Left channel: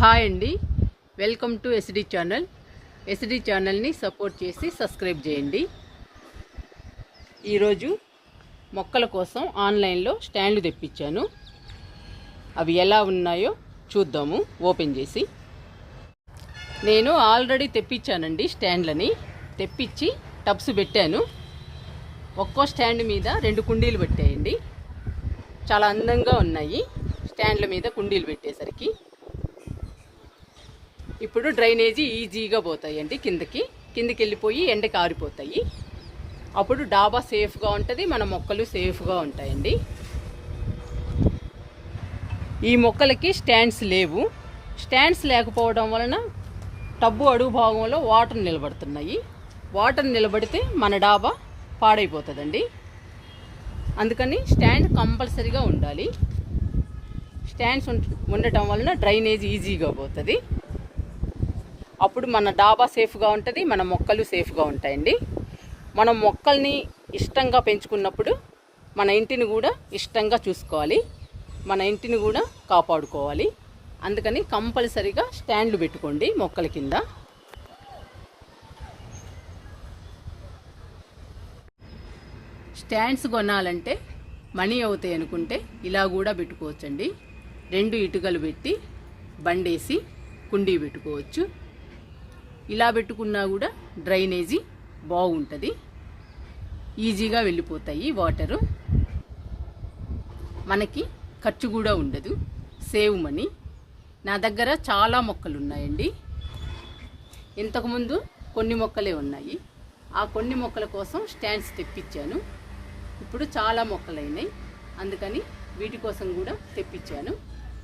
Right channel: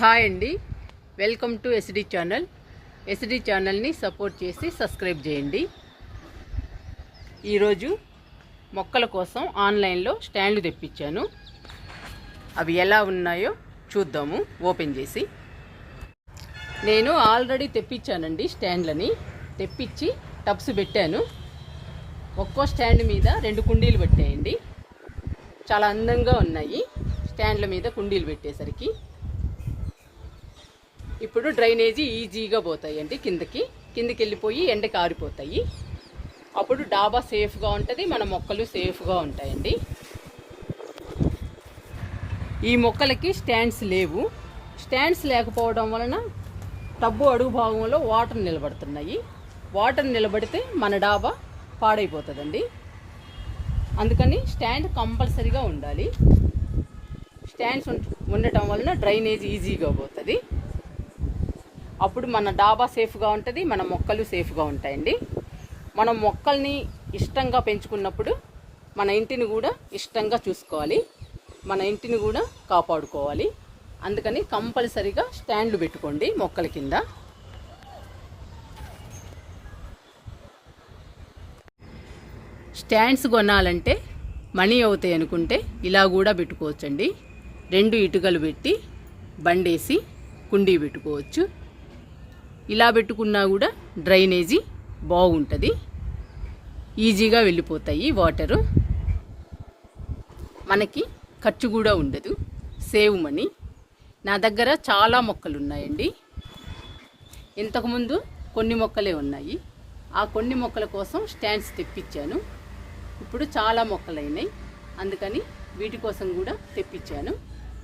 Hi అండి, welcome to SD channel. SD ఛానల్ని support చేసి సబ్స్క్రైబ్ చేయండి. ఈరోజు మొక్కల కోసం ఆన్లైన్లో స్టాండ్లు తెప్పించాను. అవి ఎలా ఉన్నాయో చూద్దాము ఓపెన్ చేసి. నేను ఆల్రెడీ తెప్పించానండి స్టాండ్లని. తెప్పించి టబ్స్ పెట్టాను. ఒక్కో స్టాండ్ మీద 2 కుండీలు పెట్టాయండి. చాలా అందంగా ఉన్నాయి స్టాండ్ల మీద కుండీలు పెట్టేసరికి. ఇప్పుడు డ్రైనేజీ ఈజీగా పోతాయండి, కిందకి వెళ్ళిపోయి ఎండకి ఆరిపోతాయి. అప్పుడు డాబా సేఫ్గా ఉంటుంది, మన మొక్కలు సేఫ్గా ఉంటాయండి. ఈ మొక్కలకి స్టాండ్స్ లేవు. స్టాండ్స్ లేకపోవడం వలన టబ్బు అడుగు భాగంలో వాటర్ నిలబడుతున్నాయి. వాటర్ నిలబడితే మన డాబా పాడైపోతుందండి. అందుకని స్టాండ్ కంపల్సరీగా ఉండాలి. స్టాండ్స్ ఉండటం వలన డ్రైనేజ్ ఈజీగా పోతుంది. అప్పుడు మన డాబా సేఫ్గా ఉంటుంది, మన మొక్కలు సేఫ్గా ఉంటాయండి. మనం మొక్కల్ని ఇష్టంగా పెంచుకున్నప్పుడు మన ఇంటిని కూడా ఇష్టంగా చూసుకోవాలి, మన ఇంటిని కూడా కాపాడుకోవాలి. అందుకని కంపల్సరీగా స్టాండ్లు పెట్టుకోండి మొక్కల కింద. స్టాండ్స్ కొనాలంటే మనీ అవుతాయి అనుకుంటే ఇలా కూడా పెట్టుకోవచ్చండి. 2 ఇటుకలు పెట్టి బండేసి కుండీ పెట్టుకోవచ్చు. ఇలా పెట్టుకున్నా కూడా డ్రైనేజీ బాగుంటుంది, ఈజీగా వెళ్ళిపోతాయి వాటరు. మనకి ఖర్చు కూడా ఉండదు, సేవ్ మనీ. నా దగ్గర చాలా మొక్కలు ఉన్నాయండి. ఇంతకుముందు కొన్ని మొక్కలే ఉన్నాయి. ఆ కొన్ని మొక్కల కోసం స్టాండ్స్ తెప్పించాను. ఇప్పుడు చాలా మొక్కలు అయినాయి, అందుకని వీటి కోసం కూడా తెప్పించాను.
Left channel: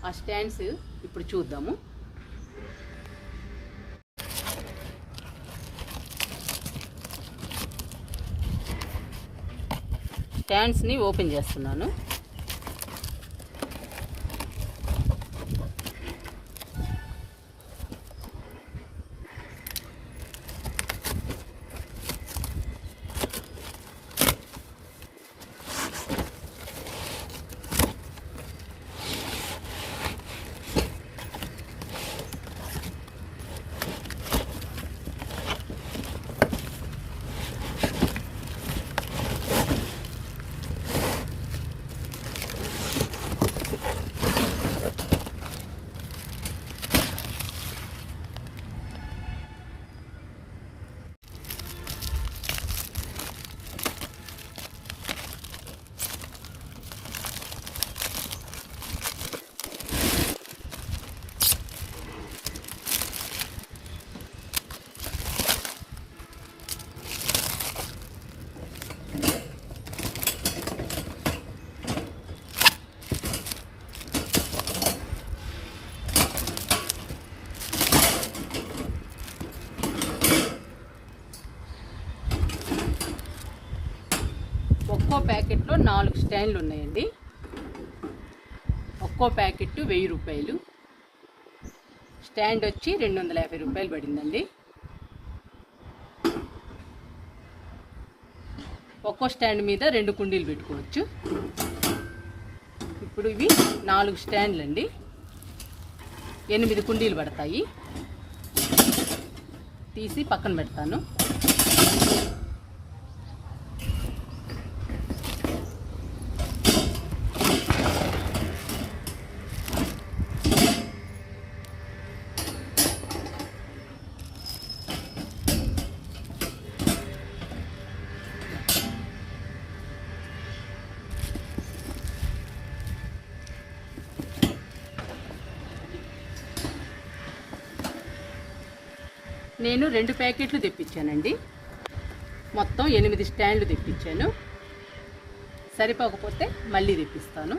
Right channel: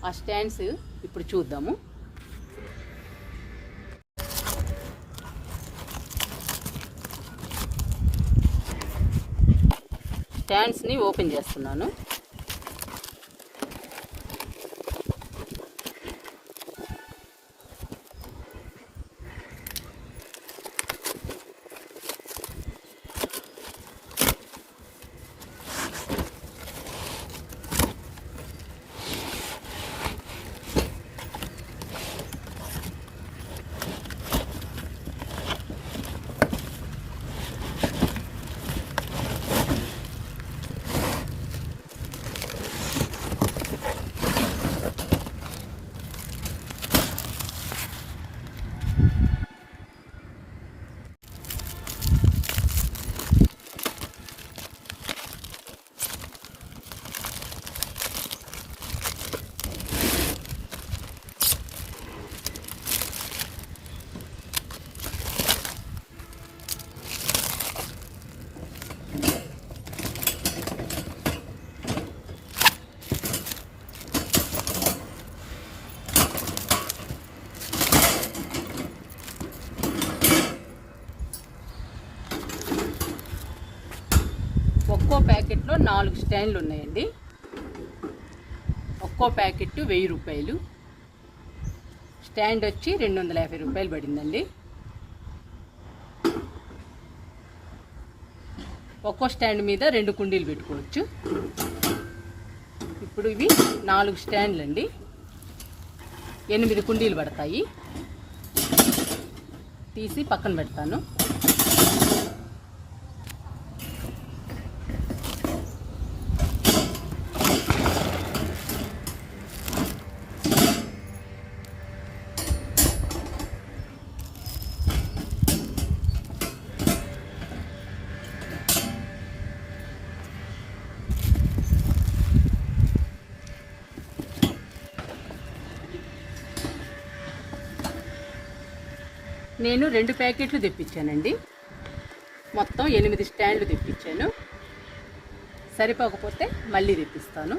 ఆ స్టాండ్స్ ఇప్పుడు చూద్దాము. స్టాండ్స్ని ఓపెన్ చేస్తున్నాను. ఒక్కో ప్యాకెట్లో 4 స్టాండ్లు ఉన్నాయండి. ఒక్కో ప్యాకెట్ 1000 రూపాయలు. స్టాండ్ వచ్చి 250 రూపాయలు పడిందండి. ఒక్కో స్టాండ్ మీద 2 కుండీలు పెట్టుకోవచ్చు. ఇప్పుడు ఇవి 4 స్టాండ్లు అండి. 8 కుండీలు పడతాయి. తీసి పక్కన పెడతాను. నేను 2 ప్యాకెట్లు తెప్పించానండి. మొత్తం 8 స్టాండ్లు తెప్పించాను. సరిపోకపోతే మళ్ళీ తెప్పిస్తాను.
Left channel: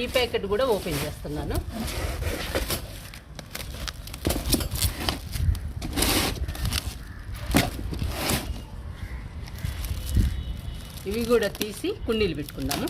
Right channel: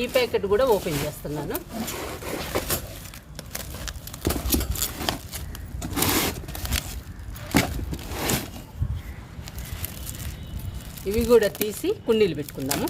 ఈ ప్యాకెట్ కూడా ఓపెన్ చేస్తున్నాను. ఇవి కూడా తీసి కుండీలు పెట్టుకుందాము.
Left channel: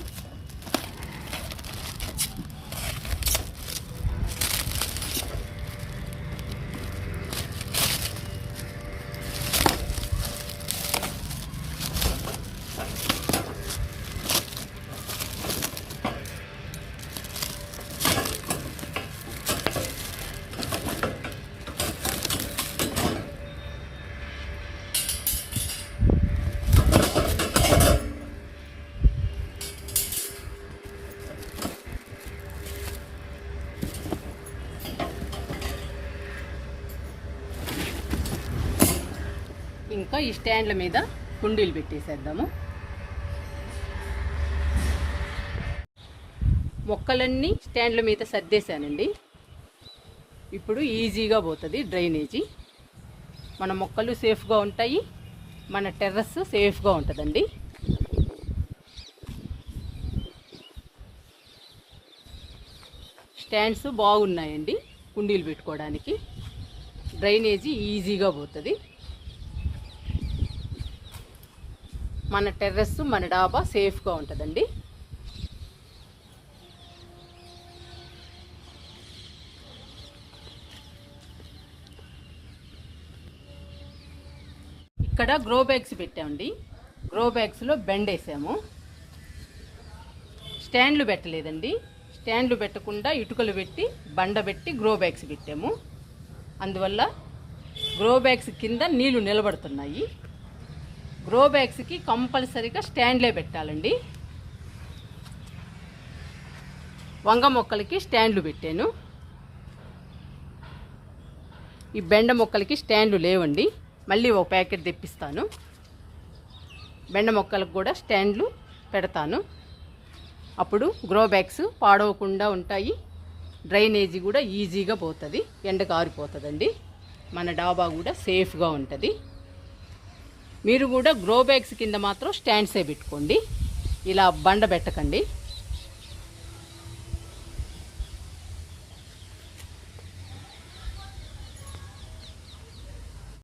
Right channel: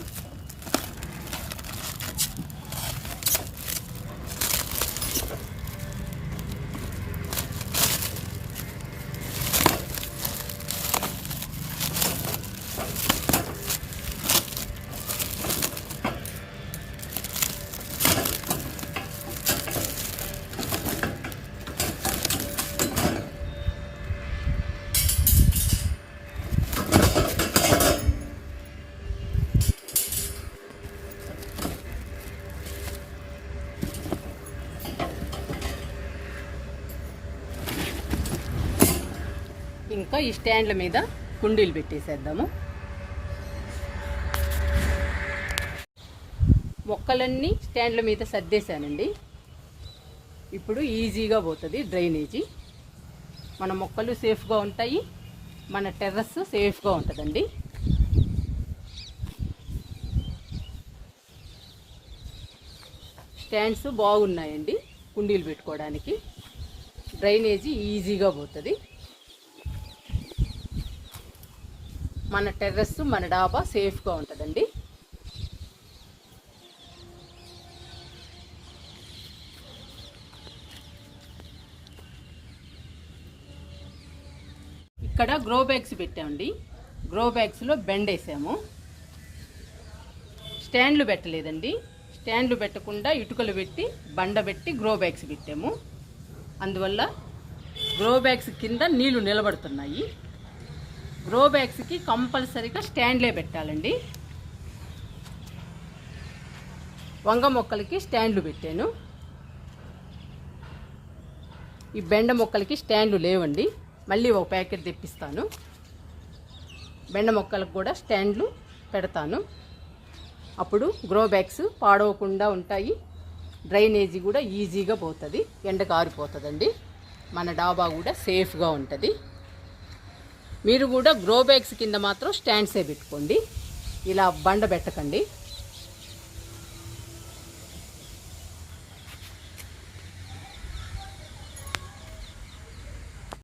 స్టాండ్ల మీద కుండీలు పెట్టేసేద్దాము. మొక్కలన్నీ స్టాండ్ల మీద సర్దేశానండి. ఇప్పుడు ఈజీగా పోతుంది డ్రైనేజీ. మన మొక్కలు సేఫ్గా ఉంటాయి, మన టెర్రస్ సేఫ్గా ఉంటుందండి. స్టాండ్స్ బాగున్నాయండి కుండీలు పెట్టుకోవడానికి. డ్రైనేజీ ఈజీగా పోతుంది. మన టెర్రస్ మన డాబా సేఫ్గా ఉంటుందండి. ఇక్కడ గ్రో బ్యాగ్స్ పెట్టామండి. గ్రో బ్యాగ్స్లో బెండ్ వేసాము. స్టాండ్లు పెట్టలేదండి. స్టాండ్లు పెట్టకుండా ఇటుకలు పెట్టి బండ పెట్టి గ్రో బ్యాగ్స్ పెట్టాము. అందువల్ల గ్రో బ్యాగ్స్ కింద నీళ్లు నిలబడుతున్నాయి. గ్రో బ్యాగ్స్కి కంపల్సరీగా స్టాండ్లే పెట్టాలండి. వంగ మొక్కలకి స్టాండ్లు పెట్టాను. ఈ బెండ మొక్కలకి స్టాండ్లు లేవండి. మళ్ళీ ఒక ప్యాకెట్ తెప్పిస్తాను. బెండ మొక్కలకు కూడా స్టాండ్లు పెడతాను. అప్పుడు గ్రో బ్యాగ్స్ పాడవకుండా ఉంటాయి. డ్రైనేజీ కూడా ఈజీగా పోతుంది, ఎండకు ఆరిపోతుందండి. మన డాబా కూడా సేఫ్గా ఉంటుంది. మీరు కూడా గ్రో బ్యాగ్స్ కింద మాత్రం స్టాండ్సే పెట్టుకోండి, ఇలా బండ పెట్టకండి.